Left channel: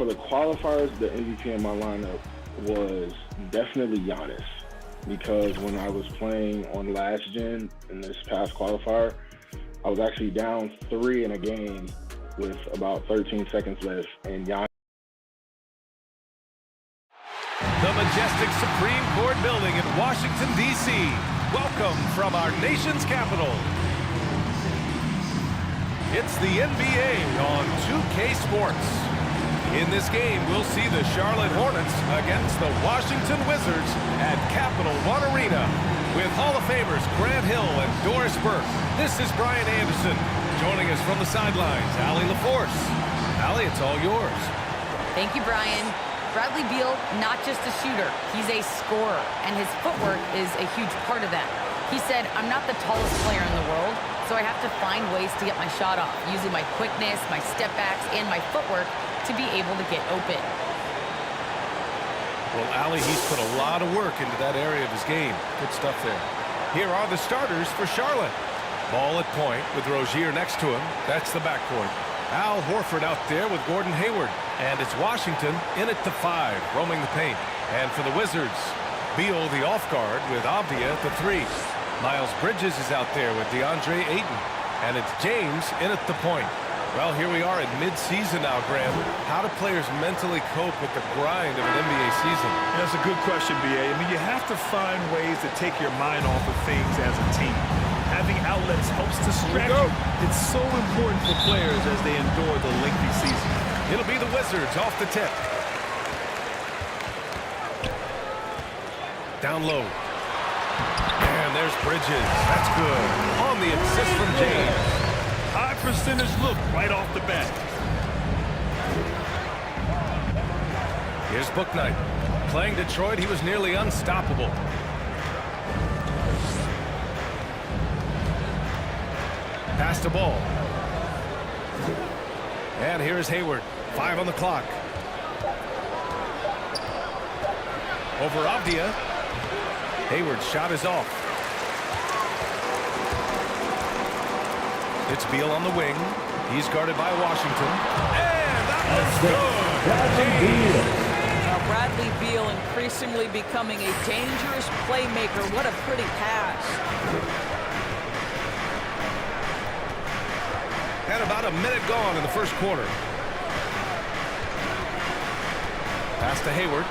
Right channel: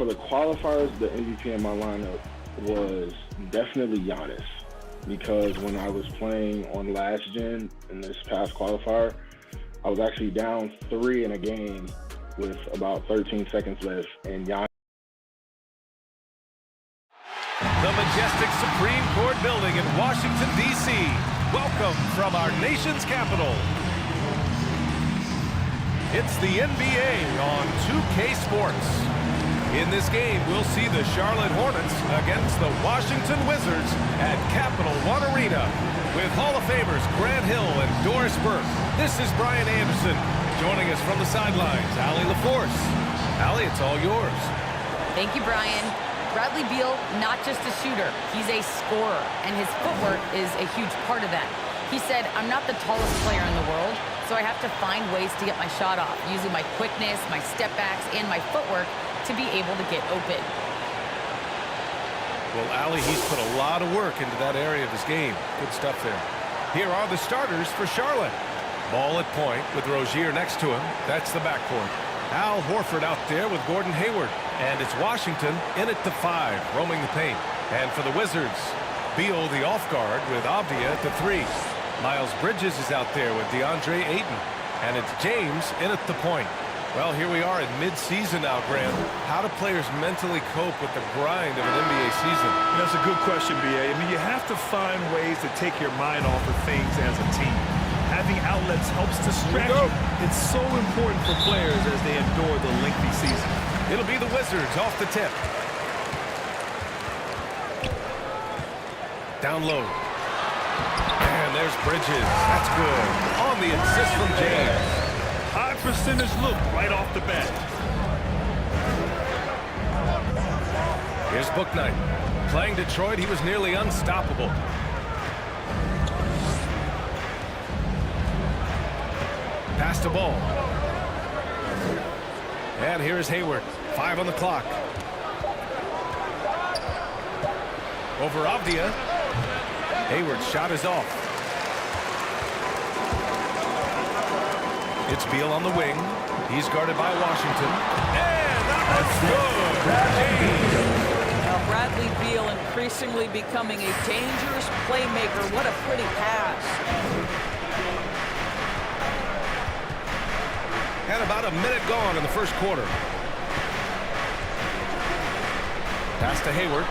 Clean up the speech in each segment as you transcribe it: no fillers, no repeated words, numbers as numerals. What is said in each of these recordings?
for the qualifiers, the MVP in my lineup was definitely Giannis, because when I was playing on last gen in this past qualifier, I was actually down 3 in a game with about 13 seconds left, and Giannis. The majestic Supreme Court building in Washington, D.C. Welcome from our nation's capital. It's the NBA on 2K Sports. In this game, we'll see the Charlotte Hornets against the Washington Wizards at Capital One Arena. With Hall of Famers Grant Hill and Doris Burke, this is Brian Anderson. Joining us from the sidelines, Allie LaForce. Allie, it's all yours. Thank you, Brian. Bradley Beal, not just a shooter, he's a scorer, and his footwork is a huge part of that. He said, I'm not the tallest player in the world, so I have to find ways to get my shot off, using my quickness, my step backs, and my footwork to be able to get open. Well, Allie, he's put a lot of work into that area of his game. Good stuff there. Here are the starters for Charlotte. Ball at point with Rozier next to him. That's the backcourt. Al Horford out there with Gordon Hayward. And it's Washington in at the 5, roaming the paint. And for the Wizards, Beal the off guard with Avdia at the 3. Miles Bridges is out there with DeAndre Ayton. And it's James in at the point. Well, here we are in mid-season now, Grant. How do players mentally cope with the grind of an NBA season? That's a good question, B.A. I mean, you have to find ways to take your mind off of things as a team. Having outlets helps distract you. It's so important for players as they endure the lengthy season. It'll be the Wizards off the tip. Down low. And there's Bridges. That's good. On the assist from James. High percentage look right off the bat. Here's Bouknight. Playing Detroit, he was nearly unstoppable. Pass the ball. And here is Hayward. 5 on the clock. Over Avdia. Hayward's shot is off. It's Beal on the wing. He's guarded by Washington. And that one's good. James. Well, Bradley Beal increasingly becoming a dangerous playmaker. What a pretty pass. And about a minute gone in the first quarter. Pass to Hayward.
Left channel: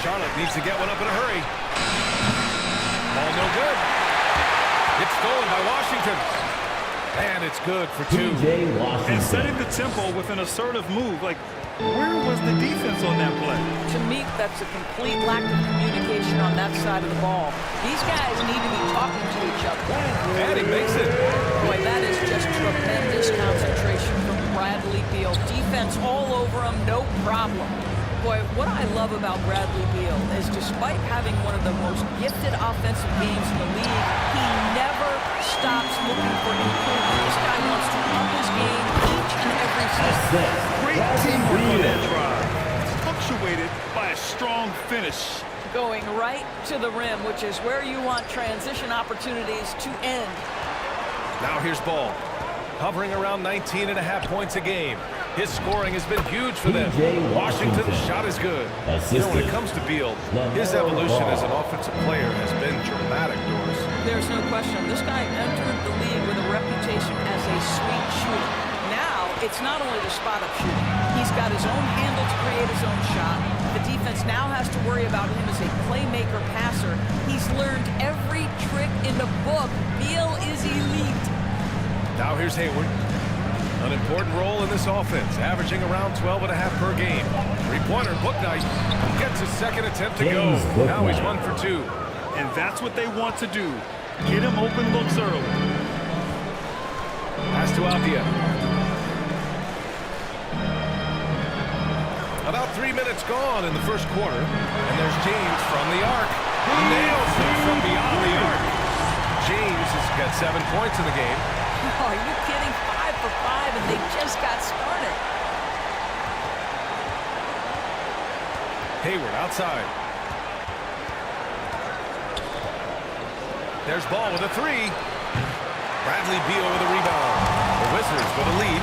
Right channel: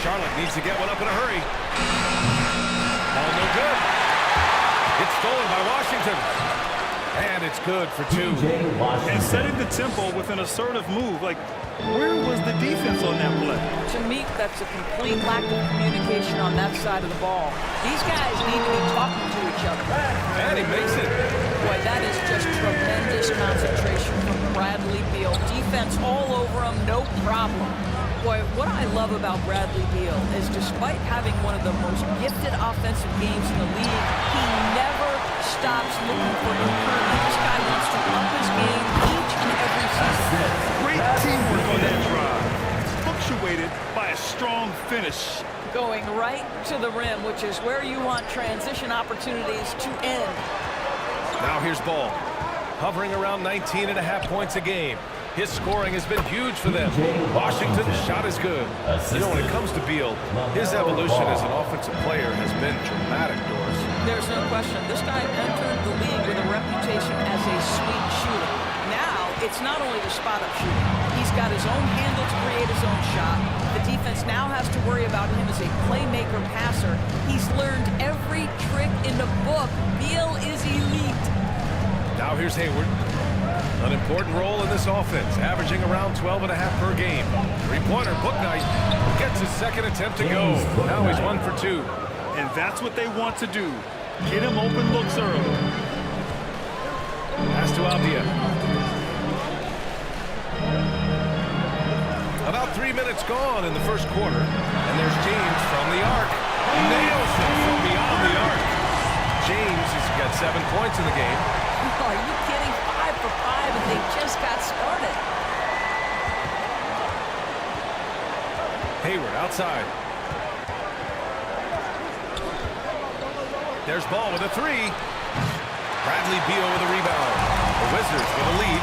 Charlotte needs to get one up in a hurry. Ball no good. It's stolen by Washington. And it's good for 2. And setting the tempo with an assertive move. Like, where was the defense on that play? To me, that's a complete lack of communication on that side of the ball. These guys need to be talking to each other. And he makes it. Boy, that is just tremendous concentration from Bradley Beal. Defense all over him, no problem. Boy, what I love about Bradley Beal is despite having one of the most gifted offensive games in the league, he never stops looking for improvement. This guy wants to up his game each and every season. Great teamwork on that drive. Punctuated by a strong finish. Going right to the rim, which is where you want transition opportunities to end. Now here's Ball. Hovering around 19.5 points a game. His scoring has been huge for them. Washington's shot is good. You know, when it comes to Beal, his evolution as an offensive player has been dramatic, Doris. There's no question. This guy entered the league with a reputation as a sweet shooter. Now, it's not only the spot-up shooting. He's got his own handle to create his own shot. The defense now has to worry about him as a playmaker passer. He's learned every trick in the book. Beal is elite. Now here's Hayward. An important role in this offense, averaging around 12.5 per game. Three-pointer, Bouknight gets his second attempt to go. Now he's 1 for 2. And that's what they want to do. Get him open looks early. Pass to Avdia. About 3 minutes gone in the first quarter. And there's James from the arc. Nails it from beyond the arc. James has got 7 points in the game. Oh, are you kidding? 5 for 5, and they just got started. Hayward outside. There's Ball with a three. Bradley Beal with a rebound. The Wizards with a lead.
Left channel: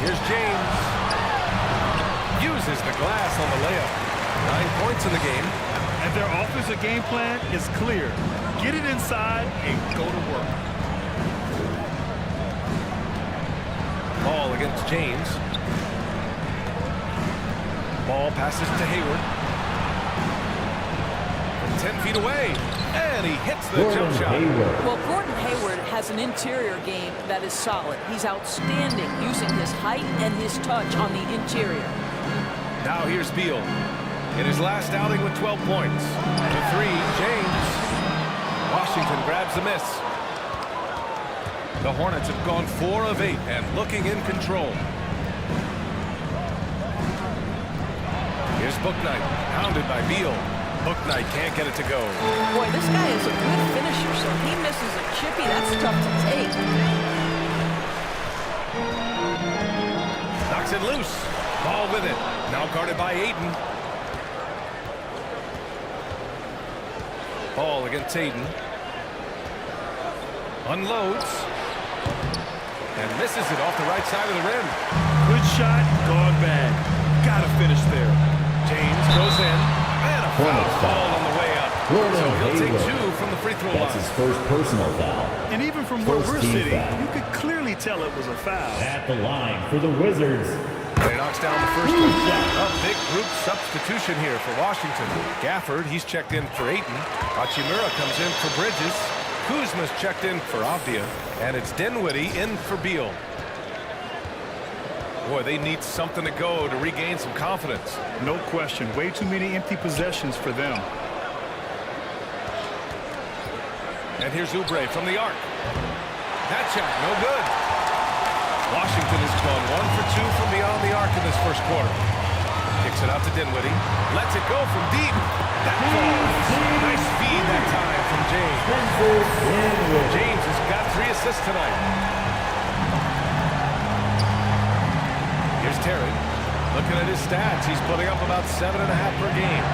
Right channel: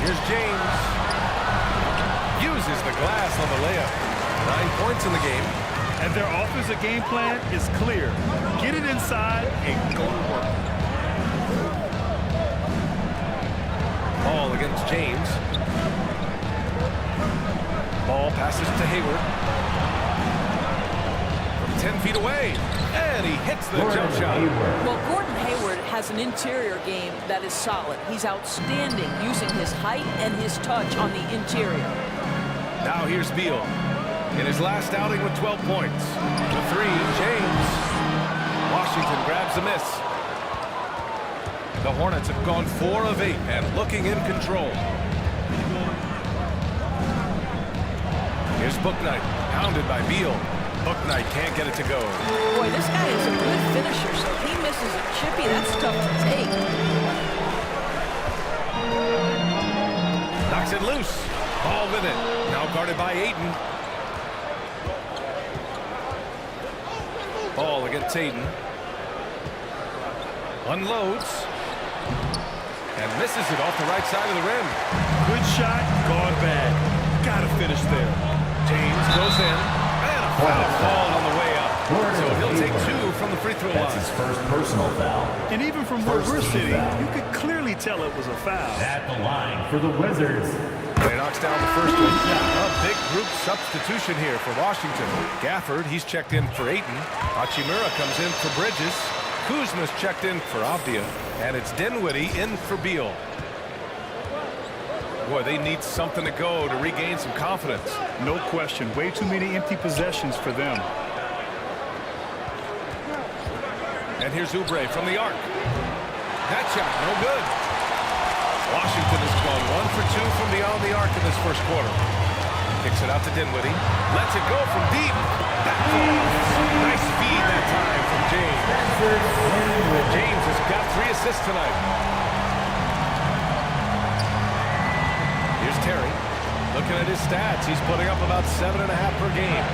Here's James. Uses the glass on the layup. 9 points in the game. And their offensive game plan is clear. Get it inside and go to work. Ball against James. Ball passes to Hayward. From 10 feet away. And he hits the jump shot. Well, Gordon Hayward has an interior game that is solid. He's outstanding using his height and his touch on the interior. Now here's Beal. In his last outing with 12 points. The three, James. Washington grabs the miss. The Hornets have gone 4 of 8 and looking in control. Here's Bouknight, pounded by Beal. Bouknight can't get it to go. Boy, this guy is a good finisher, so he misses a chippy. That's tough to take. Knocks it loose. Ball with it. Now guarded by Ayton. Ball against Ayton. Unloads. And misses it off the right side of the rim. Good shot, gone bad. Gotta finish there. James goes in. And a foul called on the way up. So he'll take 2 from the free throw line. That's his first personal foul. And even from where we're sitting, you could clearly tell it was a foul. At the line for the Wizards. He knocks down the first one. A big group substitution here for Washington. Gafford, he's checked in for Ayton. Hachimura comes in for Bridges. Kuzma's checked in for Avdia. And it's Dinwiddie in for Beal. Boy, they need something to go to regain some confidence. No question. Way too many empty possessions for them. And here's Oubre from the arc. That shot, no good. Washington has gone 1 for 2 from beyond the arc in this first quarter. Kicks it out to Dinwiddie. Lets it go from deep. That falls. Nice feed that time from James. James has got 3 assists tonight. Here's Terry. Looking at his stats, he's putting up about 7.5 per game.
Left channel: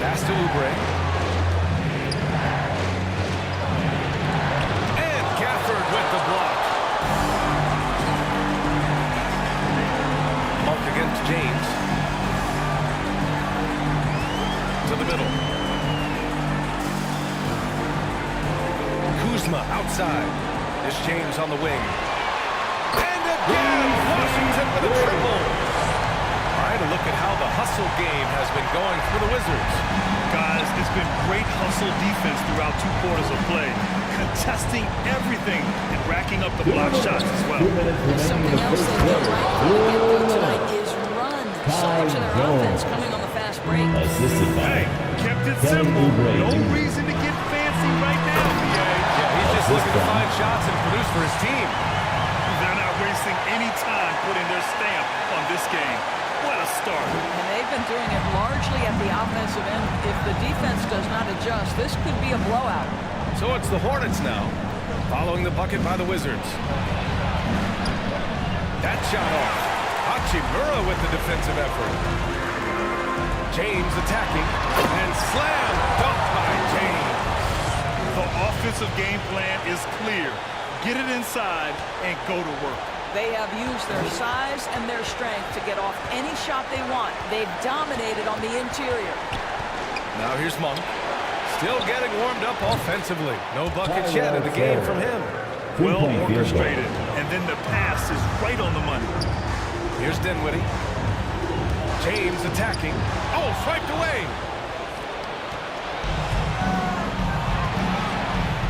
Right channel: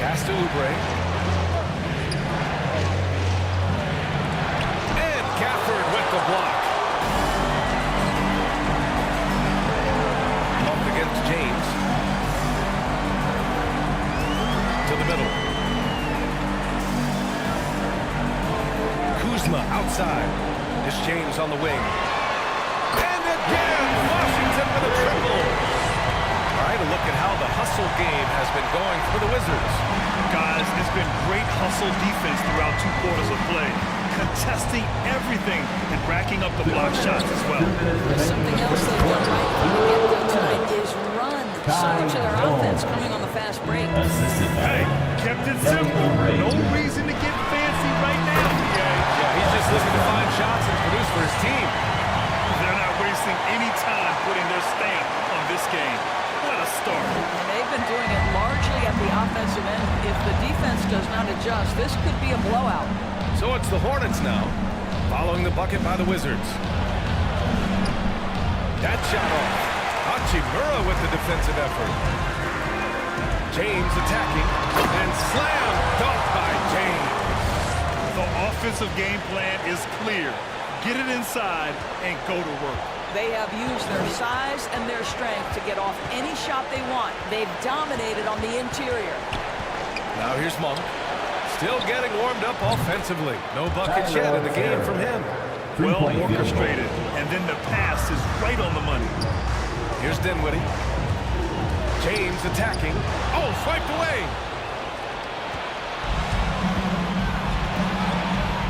Pass to Oubre. And Gafford with the block. Bumped against James. To the middle. Kuzma outside. It's James on the wing. And again, Washington with a triple. All right, a look at how the hustle game has been going for the Wizards. Guys, it's been great hustle defense throughout 2 quarters of play. Contesting everything and racking up the block shots as well. Something else they've done right from the get-go tonight is run. So much of their offense coming on the fast break. Hey, kept it simple. No reason to get fancy right now, BA. Yeah, he's just looking to find shots and produce for his team. They're not wasting any time putting their stamp on this game. What a start. And they've been doing it largely at the offensive end. If the defense does not adjust, this could be a blowout. So it's the Hornets now, following the bucket by the Wizards. That shot off. Hachimura with the defensive effort. James attacking, and slam dunk by James. The offensive game plan is clear. Get it inside and go to work. They have used their size and their strength to get off any shot they want. They've dominated on the interior. Now here's Monk. Still getting warmed up offensively. No buckets yet in the game from him. Well orchestrated. And then the pass is right on the money. Here's Dinwiddie. James attacking. Oh, swiped away.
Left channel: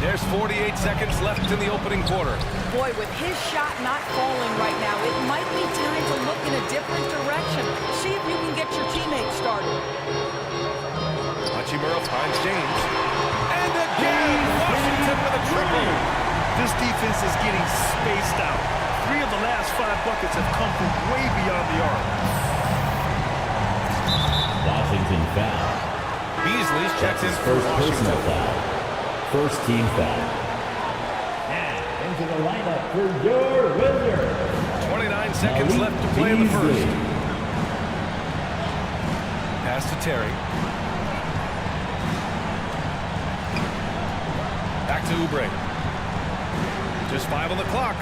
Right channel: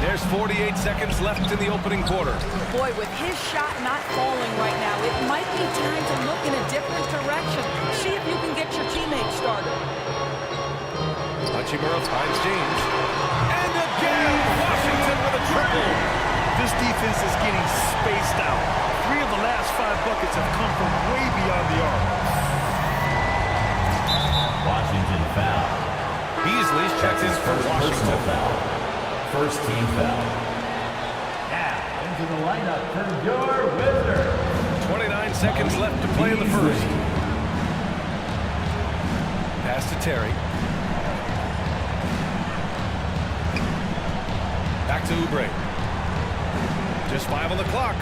There's 48 seconds left in the opening quarter. Boy, with his shot not falling right now, it might be time to look in a different direction. See if you can get your teammates started. Hachimura finds James. And again, Washington with a triple. This defense is getting spaced out. 3 of the last 5 buckets have come from way beyond the arc. Washington foul. Beasley's checked in for Washington. First team foul. Now into the lineup for your Wizards. 29 seconds left to play in the first. Pass to Terry. Back to Oubre. Just 5 on the clock.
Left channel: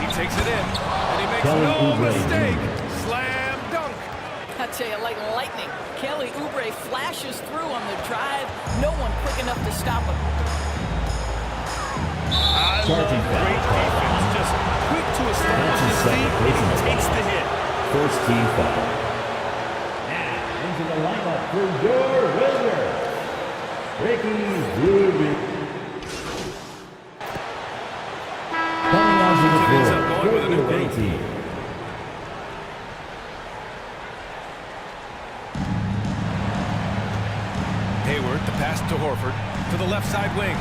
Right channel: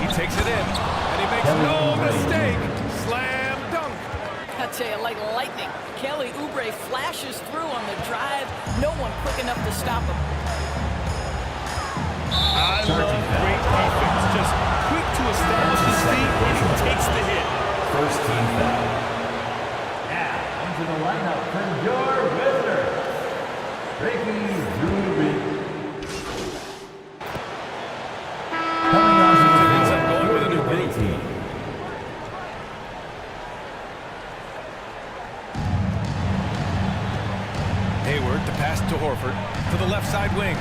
He takes it in, and he makes no mistake. Slam dunk. I tell you, like lightning, Kelly Oubre flashes through on the drive. No one quick enough to stop him. I love great defense. Just quick to establish his feet, and he takes the hit. First team foul. Now, into the lineup for your Wizards, Ricky Rubin. Coming on to the It ends floor up going with a new group. team. Hayward, the pass to Horford, to the left side wing.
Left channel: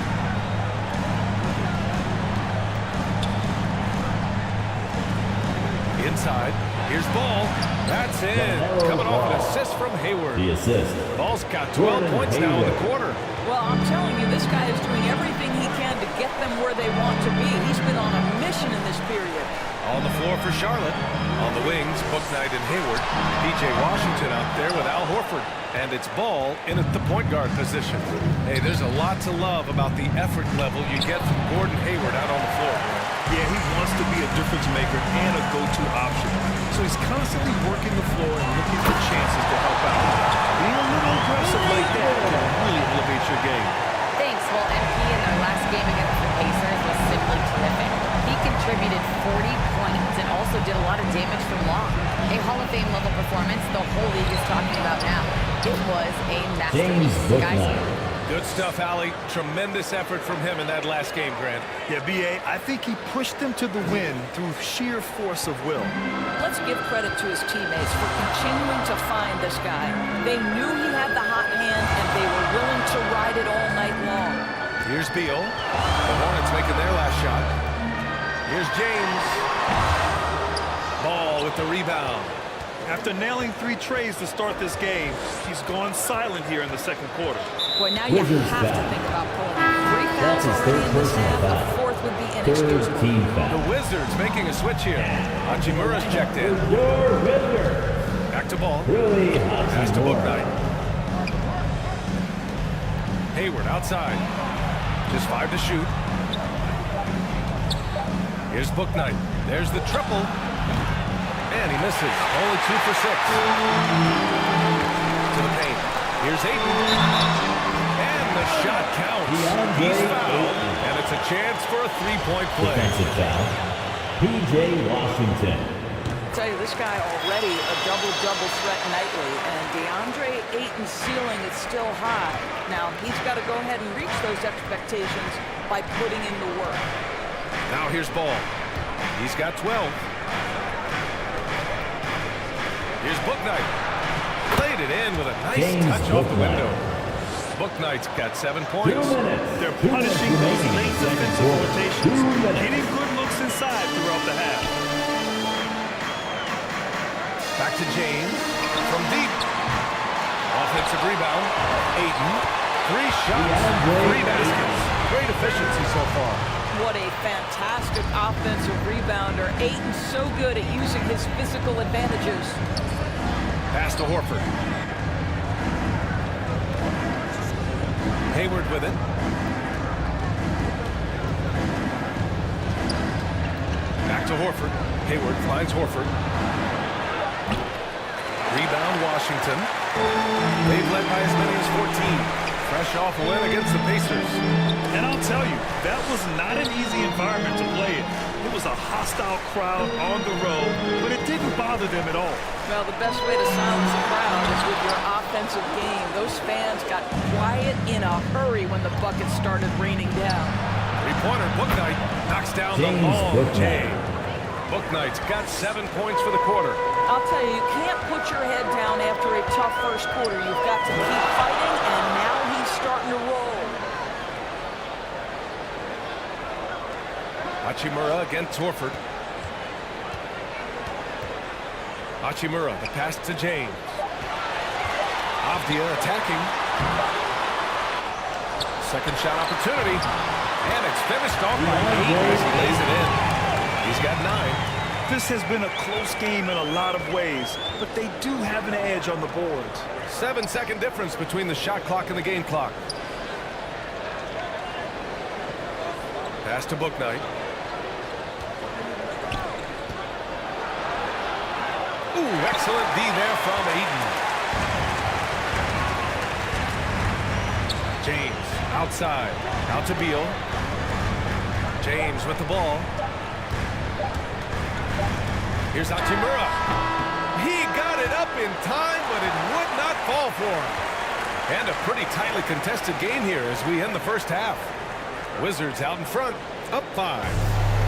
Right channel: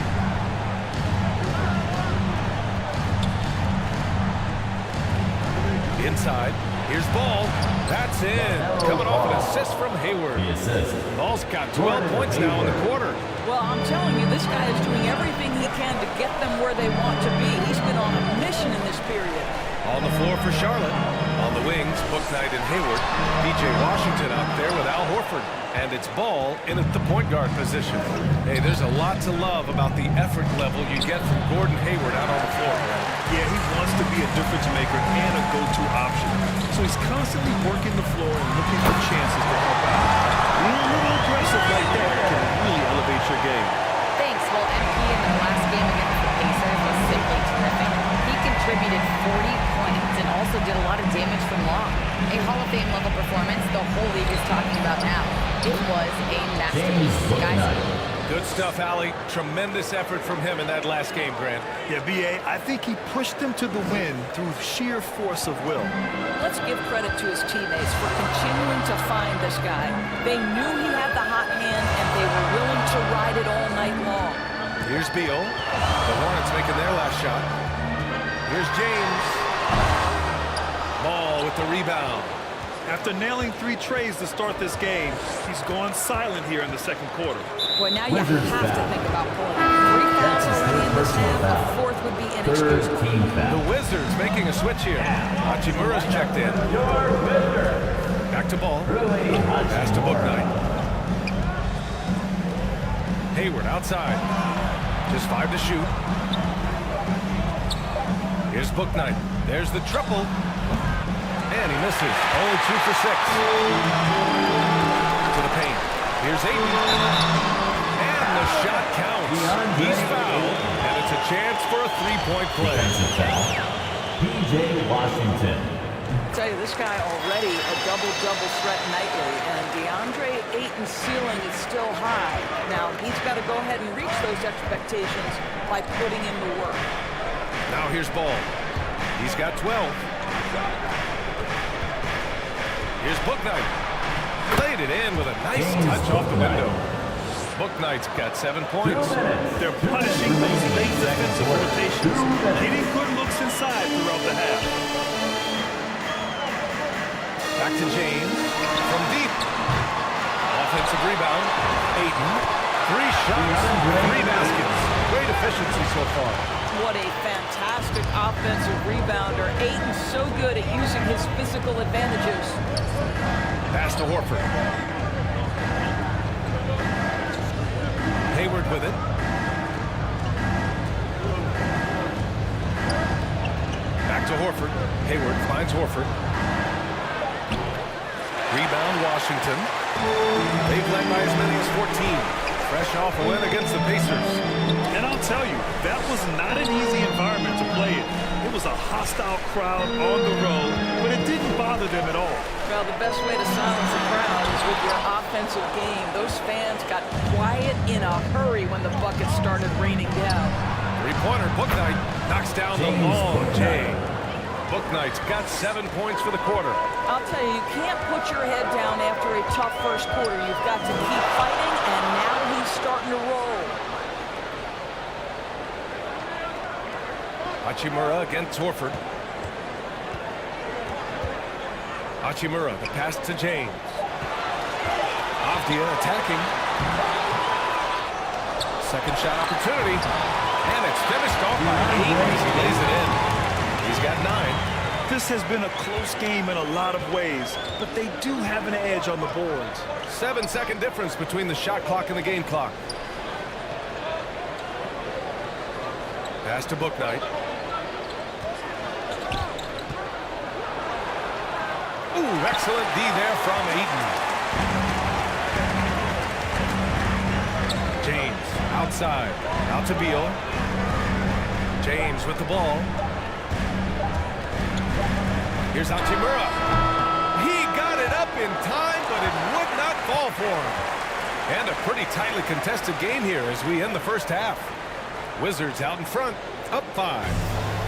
Inside, here's Ball. That's in. Coming off an assist from Hayward. The assist. Ball's got 12 points now in the quarter. Well, I'm telling you, this guy is doing everything he can to get them where they want to be. He's been on a mission in this period. On the floor for Charlotte. On the wings, Bouknight and Hayward. P.J. Washington out there with Al Horford. And it's Ball in at the point guard position. Hey, there's a lot to love about the effort level you get from Gordon Hayward out on the floor, Brad. Yeah, he wants to be a difference maker and a go-to option. So he's constantly working the floor and looking for chances to help out. Being a little aggressive like that can really elevate your game. Thanks. Well, MP in their last game against the Pacers was simply terrific. He contributed 40 points and also did a lot of damage from long. A Hall of Fame level performance the whole league is talking about now. It was a masterpiece. Guys, Good stuff, Allie. Tremendous effort from him in that last game, Grant. Yeah, B.A., I think he pushed them to the win through sheer force of will. Let's give credit to his teammates for continuing to find this guy. They knew he had the hot hand, and they were willing to ride it all night long. Here's Beal. The Hornets making their last shot. Here's James. Ball with the rebound. After nailing 3 trays to start this game, he's gone silent here in the second quarter. Boy, now you have to think about pulling him. 3 fouls already in this half. A 4th would be inexcusable. Team The foul. Wizards making a switch here. Hachimura's checked in. Your Wizards, Back to Ball. Rui Pass to Hachimura. Bouknight. Hayward outside. Just 5 to shoot. Here's Bouknight. There's the triple. And he misses. Only 2 for 6. To the paint. Here's Ayton. And the shot counts. He's fouled. And it's a chance for a 3-point play. Defensive foul. P.J. Washington. I tell you, this guy already a double-double threat nightly, and DeAndre Ayton's ceiling is still high. Now, he's got to go ahead and reach those expectations by putting in the work. Now here's Ball. He's got 12. Here's Bouknight. Played it in with a nice James touch off the Bouknight. window. Bouknight's got 7 2 points. minutes. They're 2 punishing minutes those remaining late in the second defensive quarter. rotations, 2 minutes. getting good looks inside throughout the half. Back to James. From deep. Offensive rebound. Ayton. 3 shots. 3 baskets. Great efficiency so far. What a fantastic offensive rebounder. Ayton's so good at using his physical advantages. Pass to Horford. Hayward with it. Back to Horford. Hayward finds Horford. Rebound Washington. They've led by as many as 14. Fresh off a win against the Pacers. And I'll tell you, that was not an easy environment to play in. It was a hostile crowd on the road, but it didn't bother them at all. Well, the best way to silence a crowd is with your offensive game. Those fans got quiet in a hurry when the buckets started raining down. 3-pointer, Bouknight knocks down James the long Bouknight. J. Bouknight's got 7 points for the quarter. I'll tell you, you can't put your head down after a tough first quarter. You've got to keep fighting, and now he's starting to roll. Hachimura against Horford. Hachimura, the pass to James. Avdia attacking. Second shot opportunity. And it's finished off by Ayton as he lays it in. He's got 9. This has been a close game in a lot of ways, but they do have an edge on the boards. 7-second difference between the shot clock and the game clock. Pass to Bouknight. Ooh, excellent D there from Ayton. James outside. Out to Beal. James with the ball. Here's Hachimura. He got it up in time, but it would not fall for him. And a pretty tightly contested game here as we end the first half. Wizards out in front, up 5.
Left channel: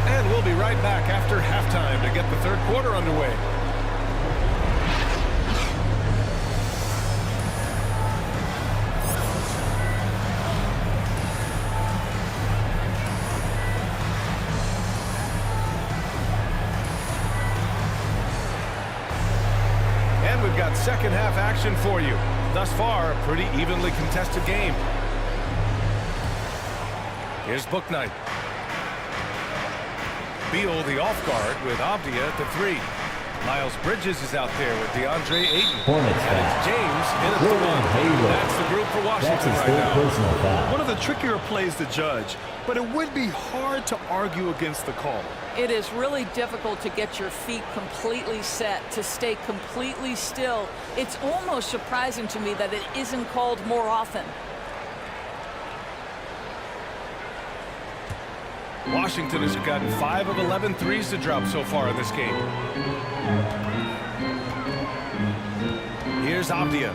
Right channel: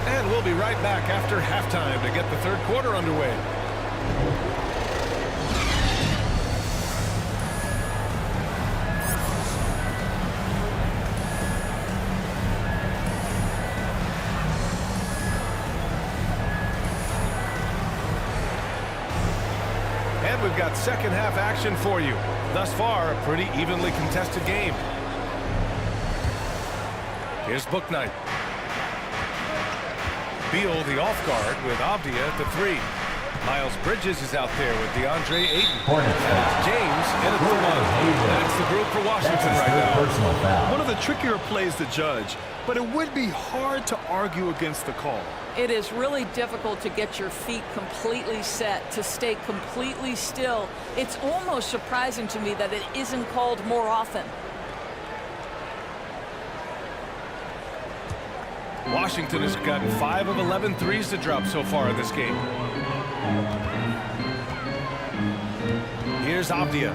And we'll be right back after halftime to get the third quarter underway. And we've got second half action for you. Thus far, a pretty evenly contested game. Here's Bouknight. Beal the off guard with Avdia at the 3. Miles Bridges is out there with DeAndre Ayton. Hornets and it's James in at the 1. That's the group for Washington right now. Personal foul. One of the trickier plays to judge, but it would be hard to argue against the call. It is really difficult to get your feet completely set, to stay completely still. It's almost surprising to me that it isn't called more often. Washington has gotten 5 of 11 threes to drop so far in this game. Here's Avdia.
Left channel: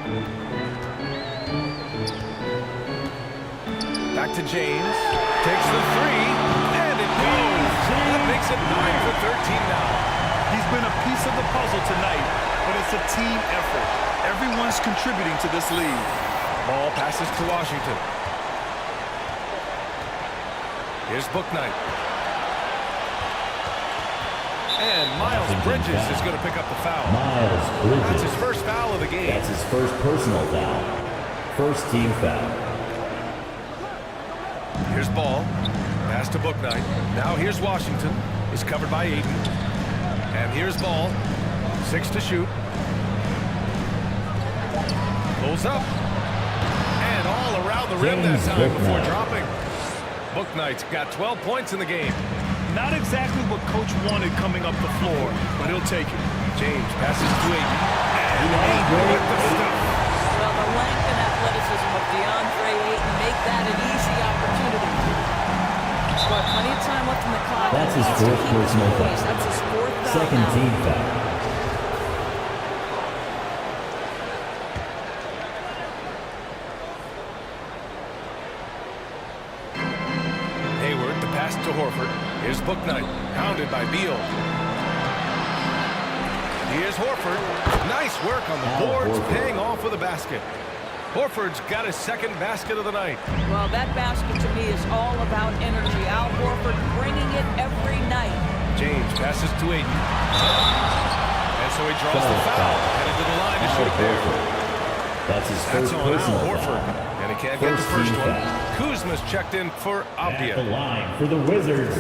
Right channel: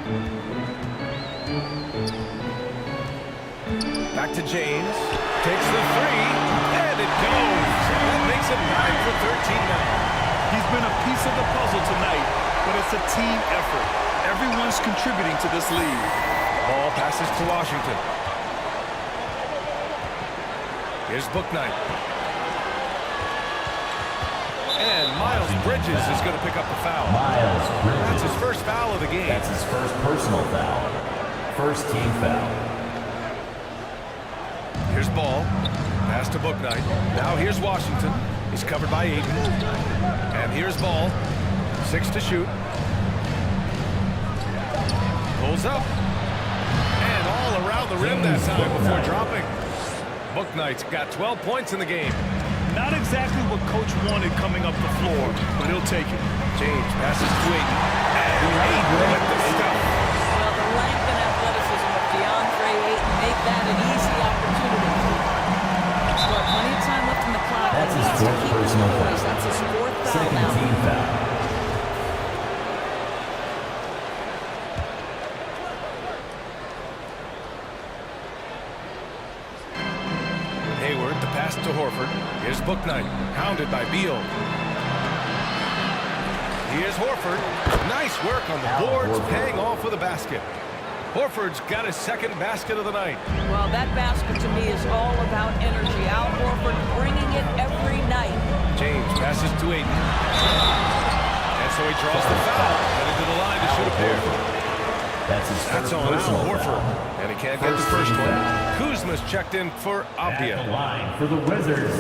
Back to James. Takes the 3. And it goes. That makes it 9 for 13 now. He's been a piece of the puzzle tonight, but it's a team effort. Everyone's contributing to this lead. Ball passes to Washington. Here's Bouknight. And Miles Bridges is going to pick up the foul. Miles Bridges. That's his first foul of the game. That's his first personal foul. First team foul. Here's Ball. Pass to Bouknight. Now here's Washington. He's covered by Ayton. And here's Ball. 6 to shoot. Pulls up. And all around the rim that time before dropping. Bouknight's got 12 points in the game. Not exactly what coach wanted coming up the floor, but he'll take it. James passes to Ayton. And Ayton with the stuff. Well, the length and athleticism of DeAndre Ayton make that an easy opportunity. But plenty of time left in the clock. That's he his needs to fourth keep his personal poise. foul. That's his 4th foul Second now. team foul. Hayward, the pass to Horford. Here's Bouknight, hounded by Beal. Here's Horford. Nice work on the boards, paying off with a basket. Horford's got his second basket of the night. Well, that basket to me is all about energy. Al Horford bringing it every night. James passes to Ayton. And so he draws the foul, headed to the line to shoot a pair. That's on Al personal Horford. foul. And he can't get the first one. Kuzma's checked in for At the Avdia. line for the Wizards.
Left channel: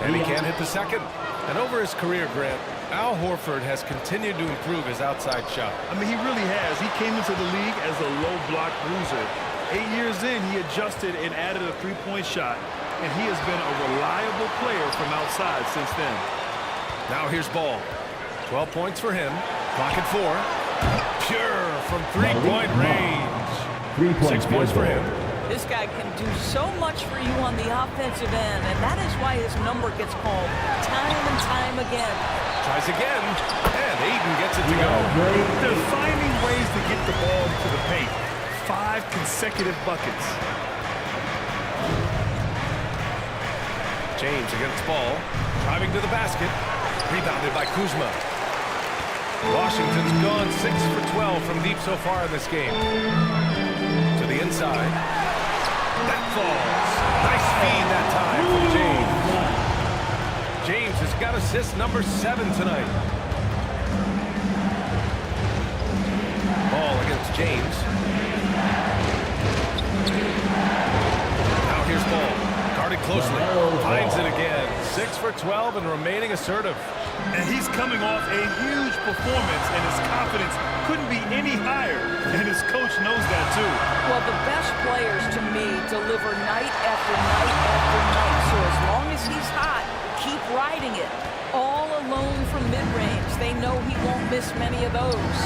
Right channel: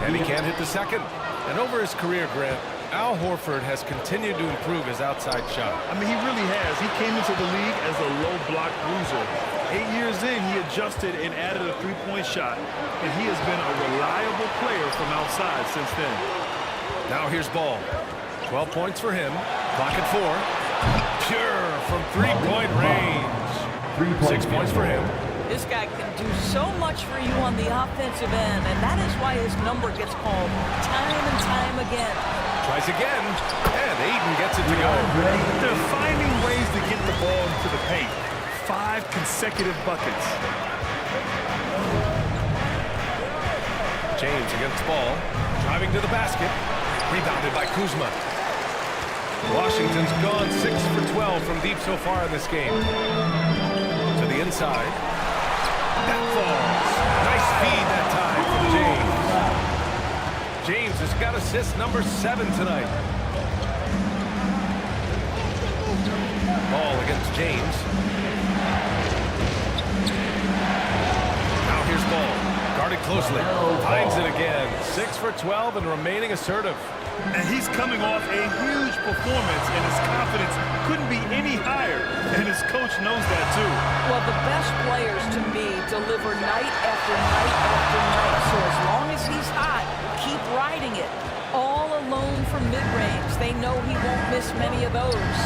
And he can't hit the second. And over his career, Grant, Al Horford has continued to improve his outside shot. I mean, he really has. He came into the league as a low block bruiser. 8 years in, he adjusted and added a three-point shot, and he has been a reliable player from outside since then. Now here's Ball. 12 points for him. Clock at 4. Pure from three-point range. 6 points for him. This guy can do so much for you on the offensive end, and that is why his number gets called time and time again. Tries again, and Ayton gets it to go. They're finding ways to get the ball into the paint. 5 consecutive buckets. James against Ball, driving to the basket, rebounded by Kuzma. Washington's gone 6 for 12 from deep so far in this game. To the inside. That falls. Nice feed that time from James. James has got assist number 7 tonight. Ball against James. Now here's Ball. Guarded closely. Lamelo Finds Ball. it again. 6 for 12 and remaining assertive. And he's coming off a huge performance, and his confidence couldn't be any higher. And his coach knows that, too. Well, the best players, to me, deliver night after night after night. So as long as he's hot, keep riding it. All alone from mid-range. They know he won't miss many of those.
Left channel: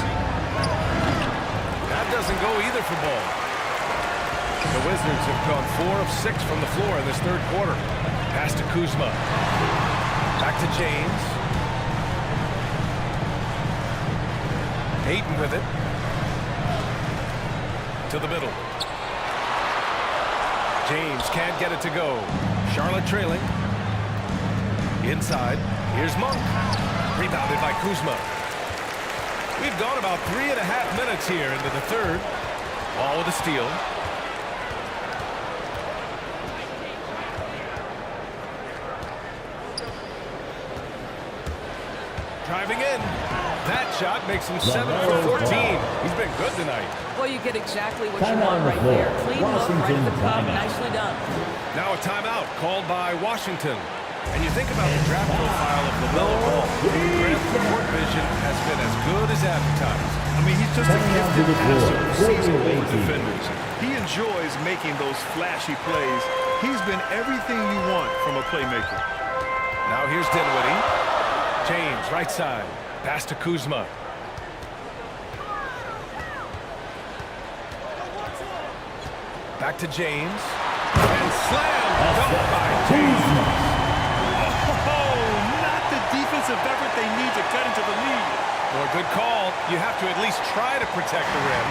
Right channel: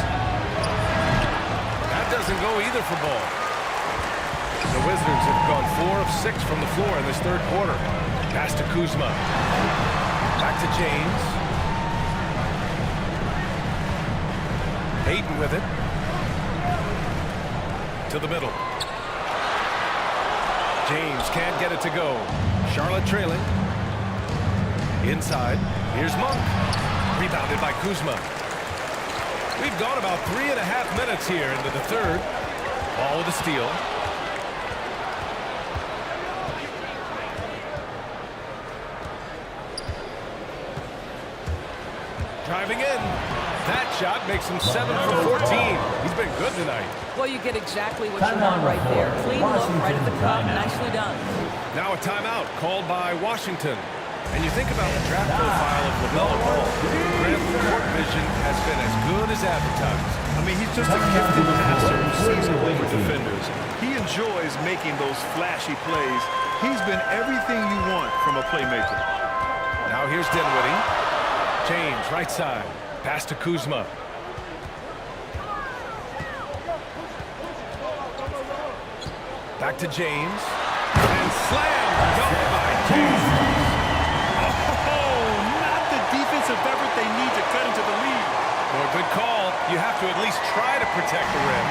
That doesn't go either for Ball. The Wizards have gone 4 of 6 from the floor in this third quarter. Pass to Kuzma. Back to James. Hayden with it. To the middle. James can't get it to go. Charlotte trailing. Inside. Here's Monk. Rebounded by Kuzma. We've gone about 3.5 minutes here into the third. Ball with a steal. Driving in. That shot makes him 7 for 14. He's been good tonight. Well, you get exactly what you Timeout want right on the there. floor. Clean look right at the Washington cup. timeout. Nicely done. Now a timeout called by Washington. And you think about the draft profile of Lamelo Ball. Grant's court vision has been as good as advertised. I mean, he's just a gifted passer who sees over defenders. He enjoys making those flashy plays. He's been everything you want from a playmaker. Now here's Dinwiddie. James, right side. Pass to Kuzma. Back to James. And slam dunk by James. Oh, not the defensive effort they need to cut into the lead. Boy, good call. You have to at least try to protect the rim.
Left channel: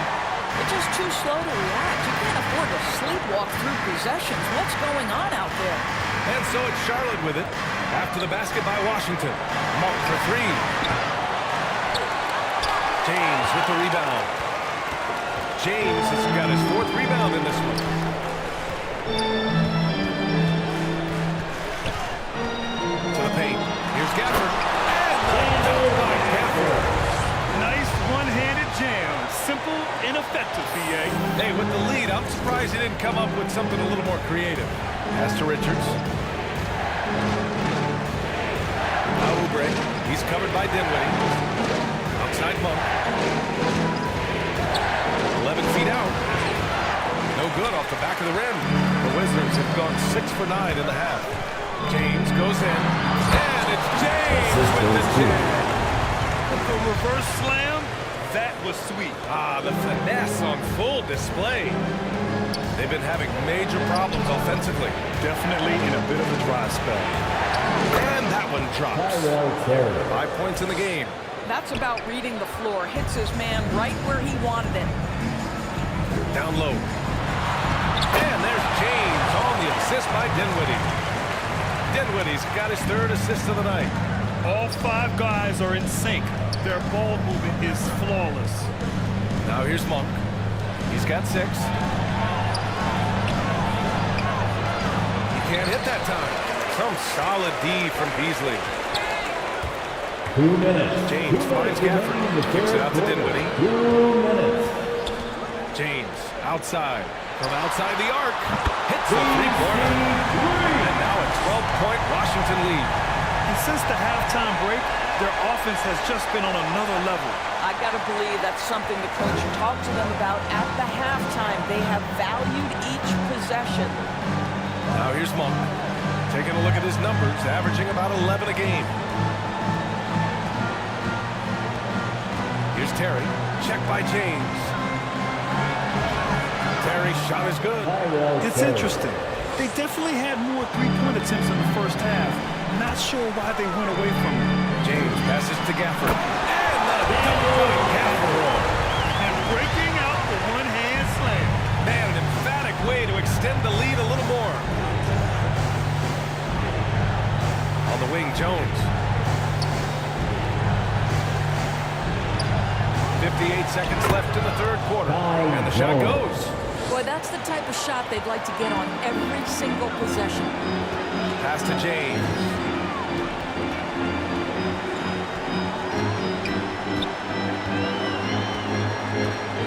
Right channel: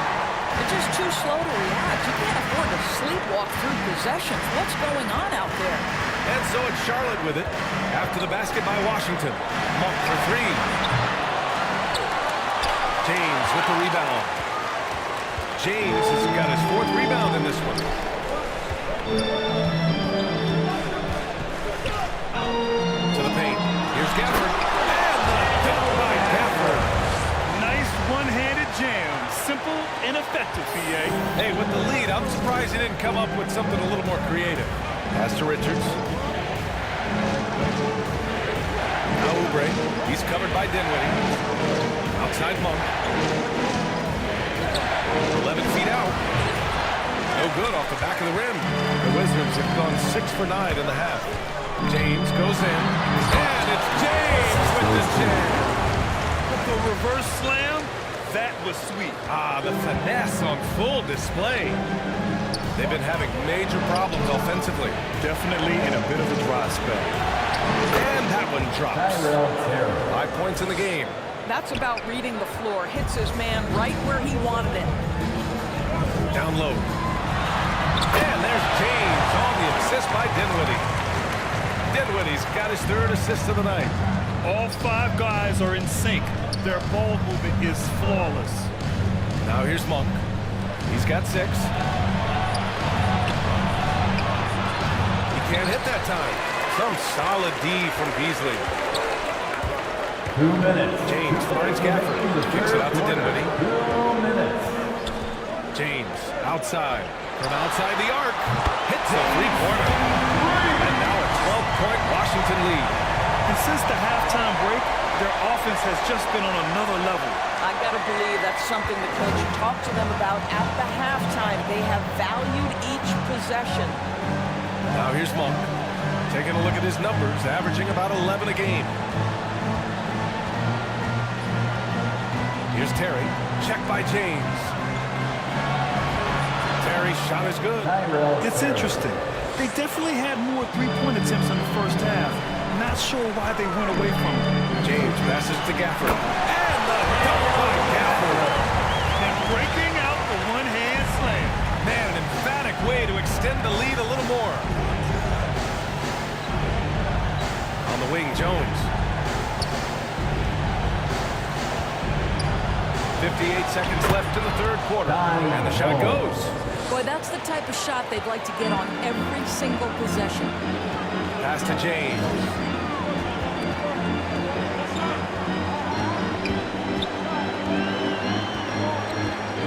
They're just too slow to react. You can't afford to sleepwalk through possessions. What's going on out there? And so it's Charlotte with it. After the basket by Washington. Monk for 3. James with the rebound. James has got his 4th rebound in this one. To the paint. Here's Gafford. And the dunk by Gafford. Nice one-handed jam. Simple and effective, BA. Hey, with the lead, I'm surprised he didn't come up with something a little more creative. Pass to Richards. Now Oubre. He's covered by Dinwiddie. Outside Monk. 11 feet out. No good off the back of the rim. The Wizards have gone 6 for 9 in the half. James goes in. And it's James with the jam. The reverse slam, that was sweet. Ah, the finesse on full display. They've been having major problems offensively. Definitely in a bit of a dry spell. And that one drops. Tyrell Terry. 5 points in the game. That's about reading the floor. Hits his man right where he wanted it. Down low. And there's James on the assist by Dinwiddie. Dinwiddie's got his 3rd assist of the night. All 5 guys are in sync. Their ball movement is flawless. Now here's Monk. He's got 6. He can't hit that time. Some solid D from Beasley. 2 minutes. James finds Gafford. Kicks it out to Dinwiddie. 2 minutes. James outside. From outside the arc. Hits a 3-pointer. And now a 12-point Washington lead. And since the halftime break, their offense has just been on another level. I got to believe that's something the coach talked to them about at the halftime. They have valued each possession. Now here's Monk. Taking a look at his numbers, averaging about 11 a game. Here's Terry. Check by James. Terry's shot is good. Tyrell It's Terry. interesting. They definitely had more three-point attempts in the first half. Not sure why they went away from it. James passes to Gafford. And the dunk by Gafford. And breaking out the one-hand slam. Man, an emphatic way to extend the lead a little more. On the wing, Jones. 58 seconds left in the third quarter. And the shot goes. Boy, that's the type of shot they'd like to get on every single possession. Pass to James.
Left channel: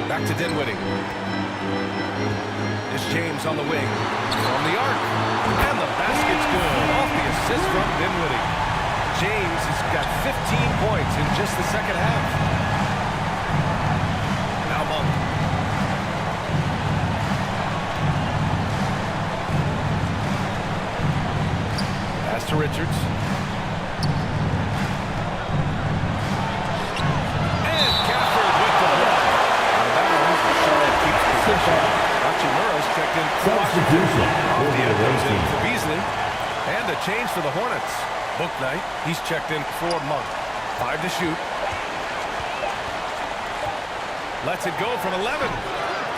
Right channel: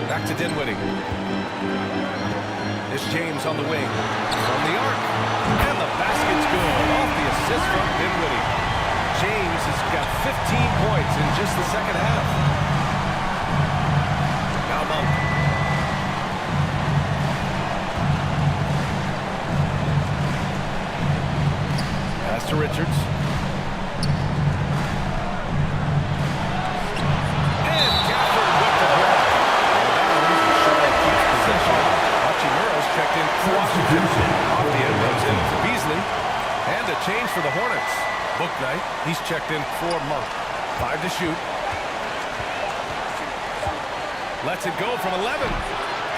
Back to Dinwiddie. Here's James on the wing. From the arc. And the basket's good. Off the assist from Dinwiddie. James has got 15 points in just the second half. Now Monk. Pass to Richards. And Gafford with the block. Out of bounds, Charlotte keeps possession. Hachimura's checked in for Washington. Avdia comes in for Beasley. And a change for the Hornets. Bouknight, he's checked in for Monk. 5 to shoot. Lets it go from 11.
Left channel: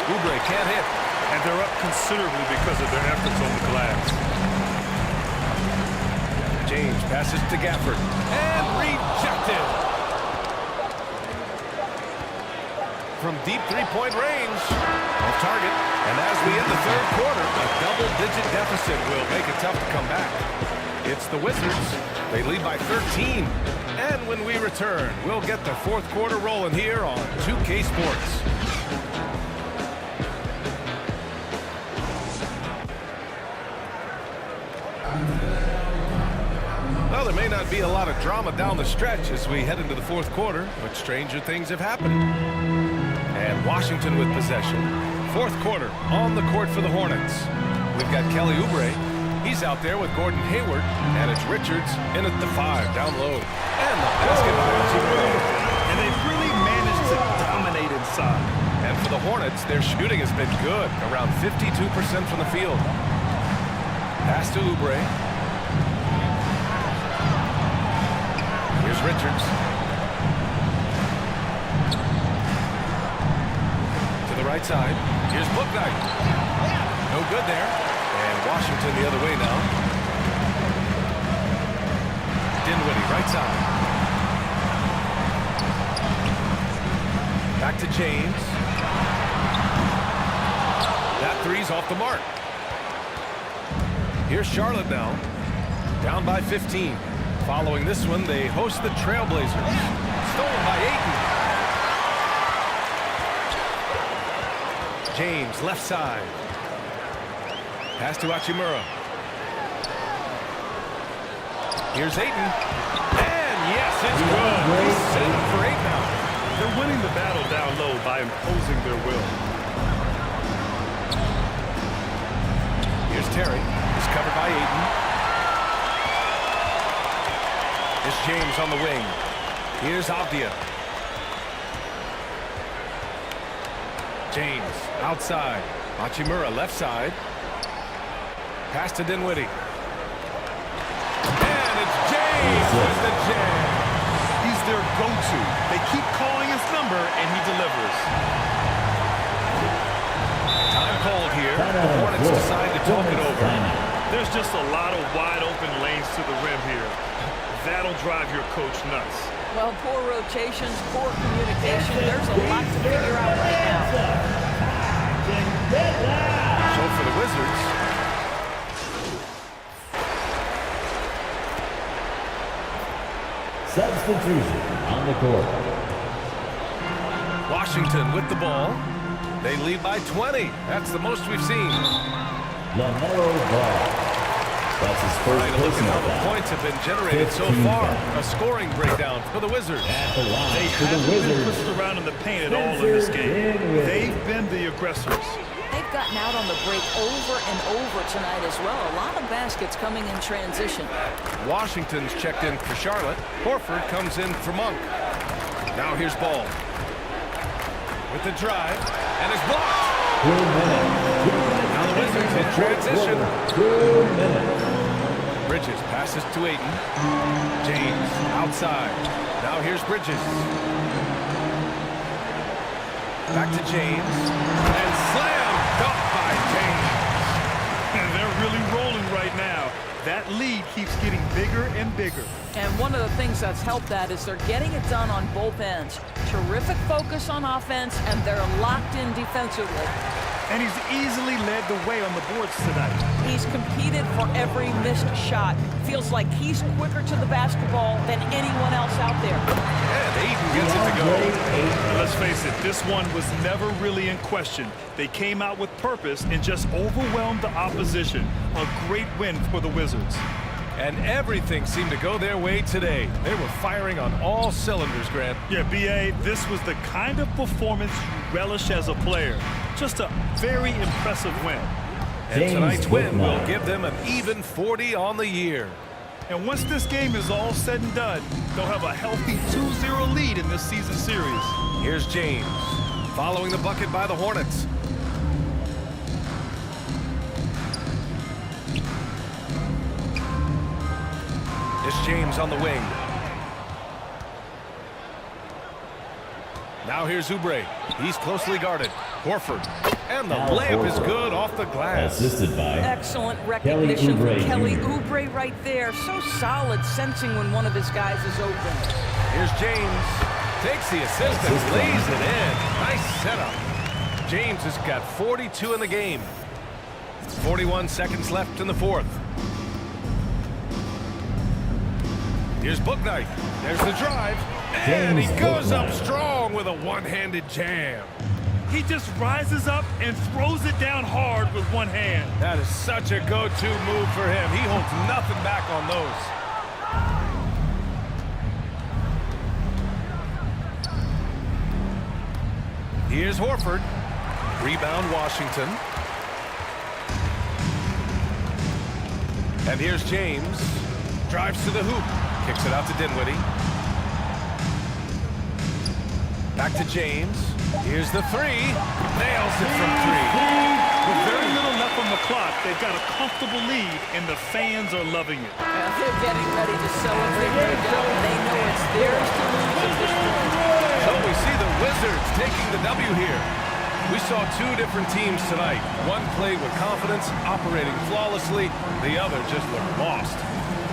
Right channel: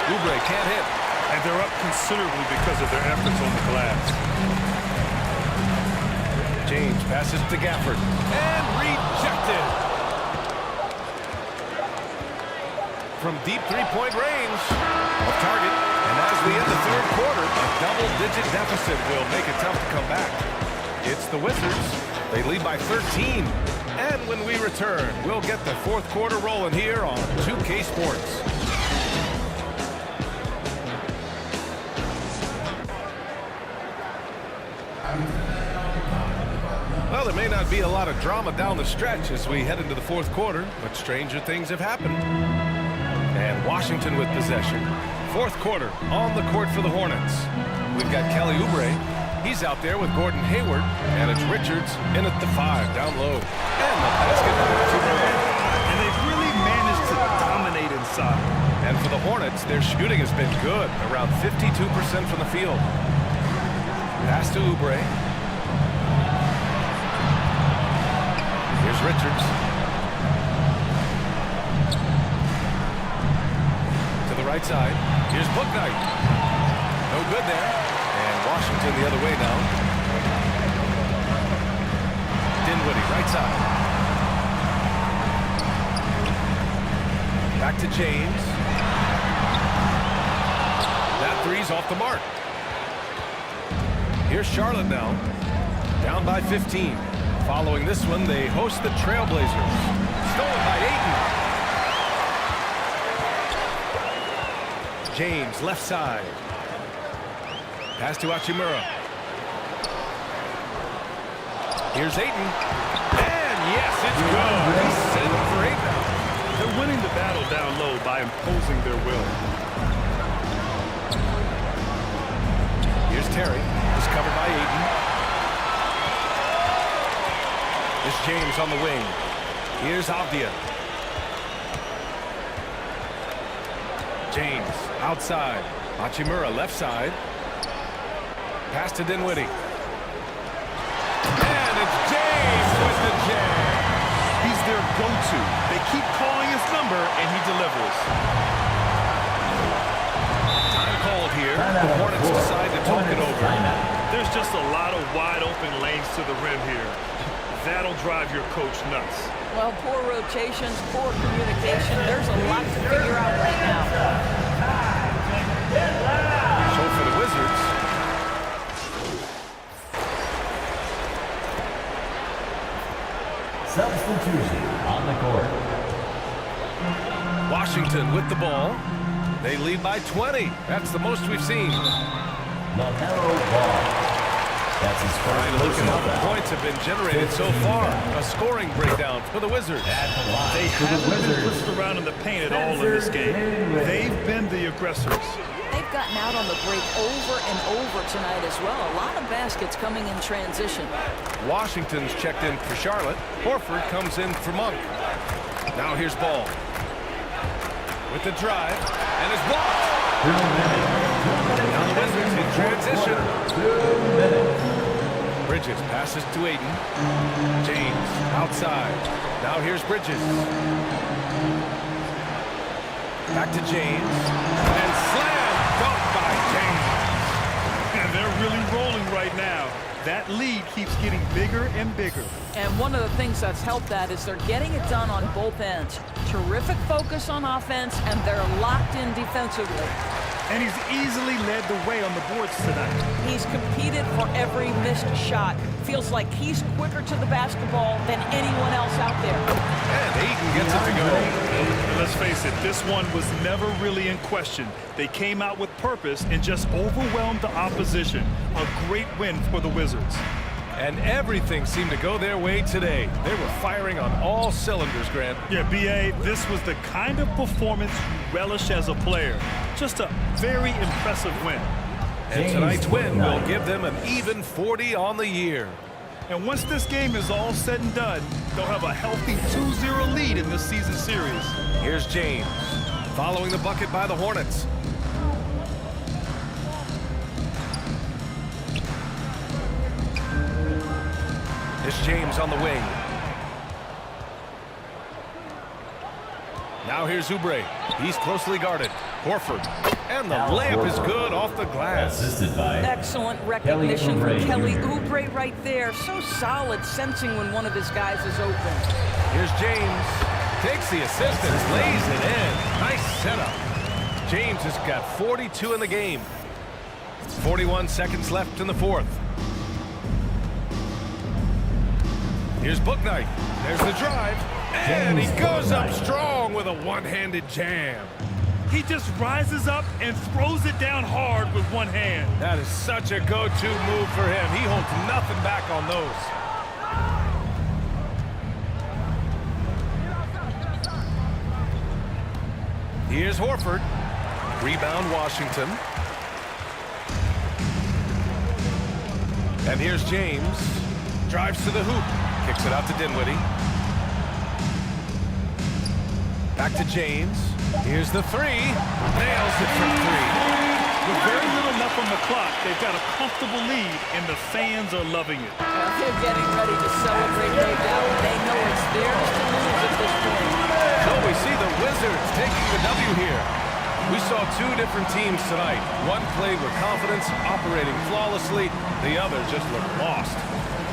Oubre can't hit. And they're up considerably because of their efforts on the glass. James passes to Gafford. And rejected. From deep three-point range. Off target. And as we end the third quarter, a double-digit deficit will make it tough to come back. It's the Wizards. They lead by 13. And when we return, we'll get the fourth quarter rolling here on 2K Sports. Well, there may not be a lot of drama down the stretch as we head into the fourth quarter, but stranger things have happened. And Washington with possession. Fourth quarter on the court for the Hornets. We've got Kelly Oubre. He's out there with Gordon Hayward, and it's Richards in at the 5, down low. And the basket by Hachimura. And they've really managed to dominate inside. And for the Hornets, their shooting has been good, around 52% from the field. Pass to Oubre. Here's Richards. To the right side. Here's Bouknight. No good there. And Washington the other way now. Dinwiddie, right side. Back to James. That three's off the mark. Here's Charlotte now. Down by 15. Following this one, they host the Trailblazers. Stolen by Ayton. James, left side. Pass to Hachimura. Here's Ayton. And yes, it's good. He's set up for 8 now. They're winning the battle down low by imposing their will. Here's Terry. He's covered by Ayton. Here's James on the wing. Here's Avdia. James outside. Hachimura left side. Pass to Dinwiddie. And it's James with the jam. He's their go-to. They keep calling his number, and he delivers. Time called here. The Hornets decide to talk it over. There's just a lot of wide-open lanes to the rim here. That'll drive your coach nuts. Well, poor rotations, poor communication. There's a lot to figure out right now. So for the Wizards, substitution on the court. Washington with the ball. They lead by 20. That's the most we've seen. Lamelo Ball. That's his first. Right, look at how the points have been generated so far. A scoring breakdown for the Wizards. At the line they haven't been pushed around in the paint at all in this game. They've been the aggressors. They've gotten out on the break over and over tonight as well. A lot of baskets coming in transition. Washington's checked in for Charlotte. Horford comes in for Monk. Now here's Ball. With the drive, and it's blocked. 2 minutes. Now the Wizards in transition. 2 minutes. Bridges passes to Ayton. James outside. Now here's Bridges. Back to James. And slam dunk by James. And they're really rolling right now. That lead keeps getting bigger and bigger. And one of the things that's helped that is they're getting it done on both ends. Terrific focus on offense, and they're locked in defensively. And he's easily led the way on the boards tonight. He's competed for every missed shot. Feels like he's quicker to the basketball than anyone else out there. And Aiden gets it to go. And let's face it, this one was never really in question. They came out with purpose and just overwhelmed the opposition. A great win for the Wizards. And everything seemed to go their way today. They were firing on all cylinders, Grant. Yeah, B.A., this was the kind of performance you relish as a player. Just a very impressive win. And tonight's win will give them an even 40 on the year. And once this game is all said and done, they'll have a healthy 2-0 lead in this season series. Here's James, following the bucket by the Hornets. It's James on the wing. Now here's Oubre. He's closely guarded. Horford. And the layup is good off the glass. Assisted by Excellent recognition from Kelly Oubre right there. So solid, sensing when one of his guys is open. Here's James. Takes the assist and lays it in. Nice setup. James has got 42 in the game. 41 seconds left in the fourth. Here's Bouknight. There's the drive. And he goes up strong with a one-handed jam. He just rises up and throws it down hard with one hand. That is such a go-to move for him. He holds nothing back on those. Here's Horford. Rebound Washington. And here's James. Drives to the hoop. Kicks it out to Dinwiddie. Back to James. Here's the three. Nails it from three. With very little left on the clock, they've got a comfortable lead, and the fans are loving it. They're getting ready to celebrate, no doubt. They know it's theirs to lose at this point. So we see the Wizards taking the W here. We saw two different teams tonight. One played with confidence, operating flawlessly. The other just looked lost.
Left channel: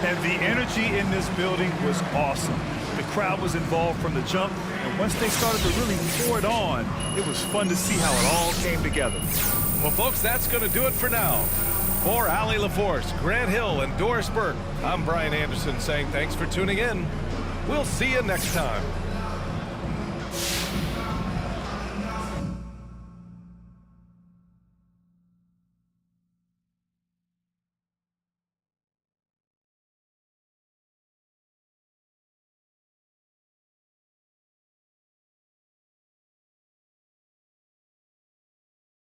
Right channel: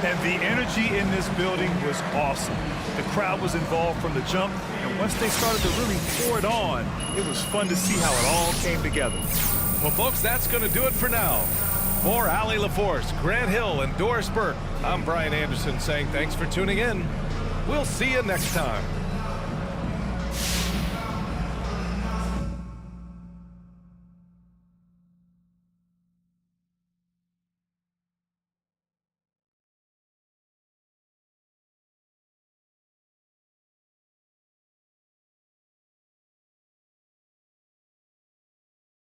And the energy in this building was awesome. The crowd was involved from the jump, and once they started to really pour it on, it was fun to see how it all came together. Well, folks, that's going to do it for now. For Allie LaForce, Grant Hill, and Doris Burke, I'm Brian Anderson saying thanks for tuning in. We'll see you next time.